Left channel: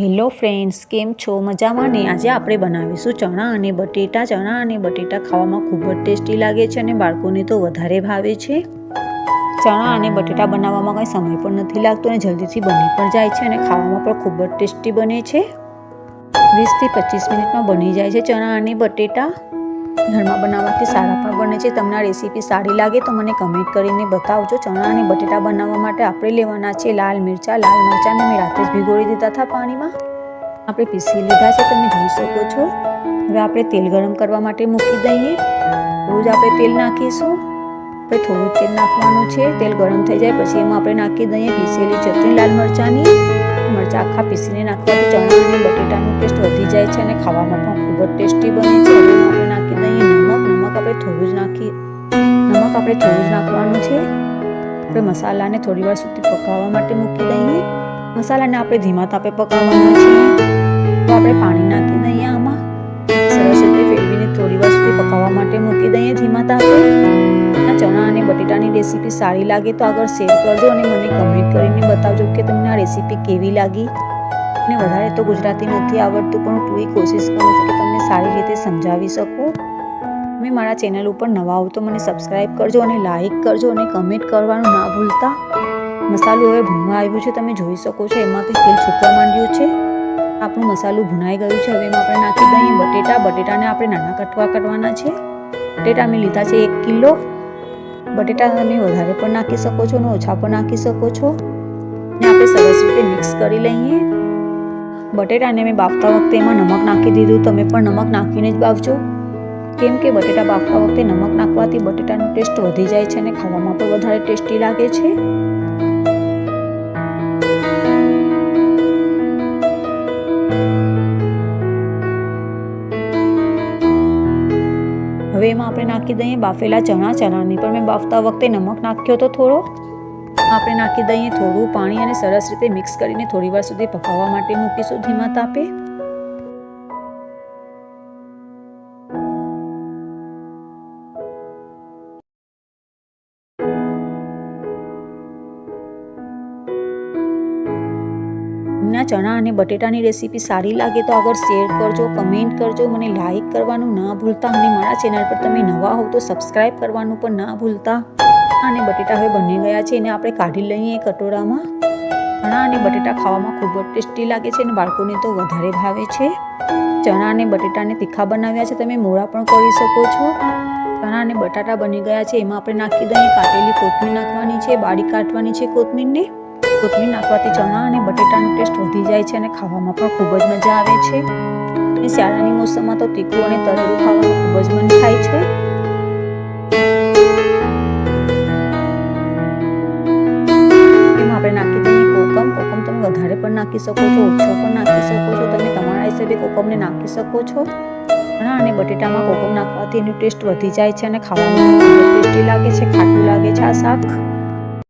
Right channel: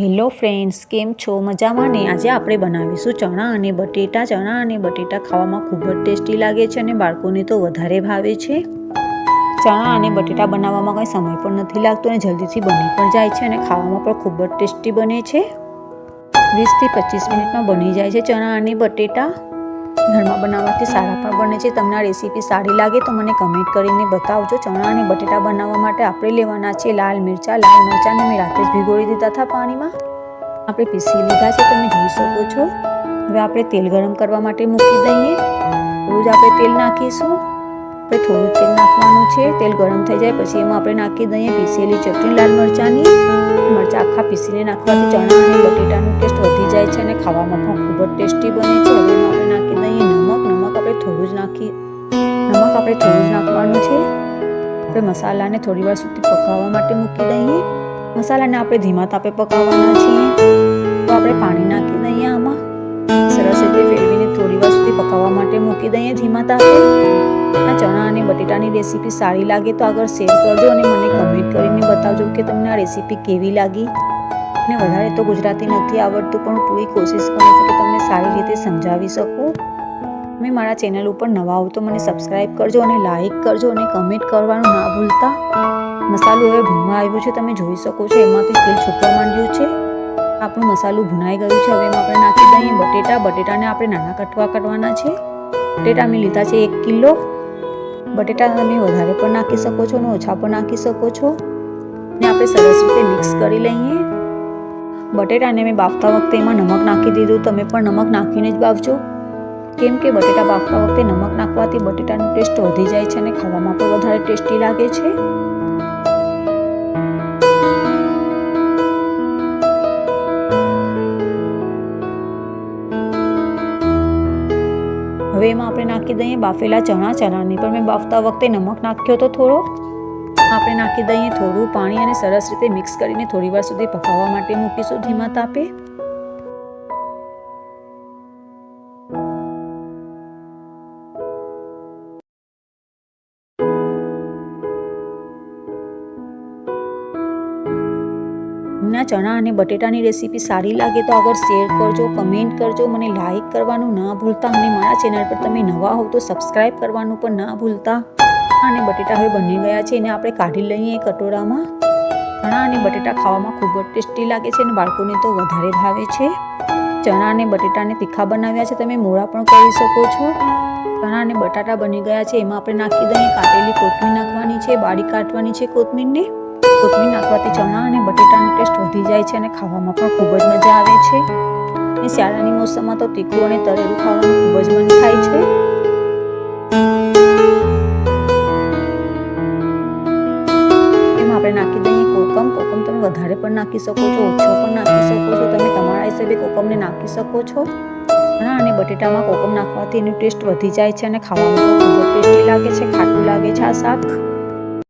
Hello friends, કેમ છો? મજામાં ને? આજે આપણે બનાવીશું ચણા અને બટેટા. ચણા અને બટેટા ખાવામાં ખૂબ જ ટેસ્ટી લાગે છે અને બાળકોને તો વધારે ભાવે છે. ચણા અને બટેટા બનાવવામાં કંઈ સમય પણ નથી લાગતો અને જલ્દીથી બની પણ જાય છે અને ખાવામાં પણ ખૂબ જ ટેસ્ટી બને છે. વીસથી પચીસ મિનિટમાં બની જાય છે ચણા અને બટેટા. ઘરમાં બનાવવાથી સારા પણ બને છે. તમને આ રેસીપી સારી લાગે તો મને કમેન્ટ કરીને બતાવજો. ચણા અને બટેટા બનાવવા માટે આપણે લેવાના છે લાલ મરચાં. લાલ મરચાંને મેં રાતે જ ભીગોળી દીધા હતા પાણીમાં. આપણે પીસી લીધા છે, તમે જોઈ શકો છો. હવે આપણે તેલ ગરમ કરવા માટે મૂકી દઈએ. રોજ આપણે તેલ નાખીશું. આપણે થોડું તેલ નાખવાનું છે. તેલ ગરમ થઈ જાય પછી એમાં આપણે નાખી દઈએ પીસેલી ચટણી લાલ મરચાંની. મરચાં આખા પીસીને નાખવાથી ચણા અને બટેટાનો ટેસ્ટ વધી જાય છે અને ખાવામાં પણ ખૂબ જ ટેસ્ટી બને છે. હવે નમક આપણે થોડું જ નાખી, નમક આપણે થોડું જ નાખવાનું છે. આપણે મસાલાને થોડી વાર સુધી પકાવવા માટે મૂકી દઈએ. મસાલાને આપણે ધીમા તાપે પકાવવાના છીએ. તો આપણે પાણી નાખી દઈએ આમાં. સરસ રીતે ફેરવીને થોડી વાર સુધી પકાવવા માટે મૂકી દઈએ ધીમા તાપે. ચણા અને બટેટાની રેસીપી સારી લાગે તો આગળ શેર કરજો અને મને કમેન્ટ કરીને બતાવજો કે તમને આ રેસીપી કેવી લાગી. અને વધારે તો ગુજરાતી નથી આવડતું, પણ હું પૂરી કોશિશ કરું છું કે તમને સારી રીતે સમજાવી શકું. તમે મારા ચેનલ ઉપર નવા હો તો મને સબસ્ક્રાઈબ કરજો અને લાઇક કરજો અને કમેન્ટ કરવાનું ના ભૂલતા. મસાલો હવે ભૂનવા આવ્યું છે, તમે જોઈ શકો છો એમાંથી તેલ છૂટવા માંડ્યું છે. આપણું મસાલું ભૂનાઈ ગયું છે, હવે એમાં આપણે નાખી દઈએ બટેટા. બટેટાને આપણે નાના કટવા કરવાના છે. બટેટા મેં લીધા છે એક કિલો. બટેટા તમે વધારે પણ નાખી શકો છો અને ઓછા પણ નાખી શકો છો. ને આપણે સરસ રીતે મિક્સ કરી લઈએ. બટેટાને મેં બાફતા વખતે એમાં નમક નાખી દીધું. તમે પણ નમક નાખીને જ બાફજો. કેમ કે બટેટા બાફતા વખતે નમક નાખવાથી બટેટાનો ટેસ્ટ વધી જાય છે અને ખાવામાં પણ વધારે ટેસ્ટી લાગે છે. હવે એમાં આપણે નાખી દઈએ બાફેલા ચણા. ચણાની પણ મેં બાફતા વખતે નમક નાખ્યો તો થોડો. આપણે નાખી દઈએ થોડું પાણી અને સરસ રીતે મિક્સ કરીને થોડી વાર સુધી પકાવવા માટે મૂકીશું ધીમા તાપે. તમને ચણા અને બટેટાની રેસીપી સારી લાગે તો આગળ શેર કરજો કમેન્ટ કરજો, મને લાઇક કરવાનું ના ભૂલતા અને મારા ચેનલ પર તમે નવા હો તો સબસ્ક્રાઈબ કરવાનું પણ ના ભૂલતા. અને બટેટા હવે બની ગયા છે, એને આપણે કાઢી લઈએ કટોરામાં. ચણા અને બટેટા ખાવામાં ખૂબ જ ટેસ્ટી લાગે છે અને બાળકોને તો વધારે ભાવે છે. ચણા અને બટેટાને તીખા બનાવ્યા છે, તમે મોળા પણ કરી શકો છો. ચણા અને બટાટા બની ગયા છે, એમાં આપણે નાખી દઈએ કાટેલી કોથમીર નાખવાની છે બાળી કાઢવાની છે કોથમીરને. કોથમીર નાખવાથી ચણા અને બટેટાનો ટેસ્ટ વધી જાય છે અને ખાવામાં પણ ખૂબ જ મજા આવે છે. અને શિયાળાની મોસમમાં તો તીખું અને તળેલું ખાવાનું ખૂબ જ મન થાય છે. એમાં આપણે નાખી દઈએ કોકમ. કોકમ તમે વધારે પણ નાખી શકો છો, ઓછો પણ નાખી શકો છો. તમે તમારા હિસાબે કોકમને નાખી શકો છો. ચણા અને બટેટામાં કોકમ નાખવાથી એનું ટેસ્ટ વધી જાય છે અને ખાવામાં ખૂબ જ ટેસ્ટી લાગે છે, ખાટું લાગે છે આ શાક.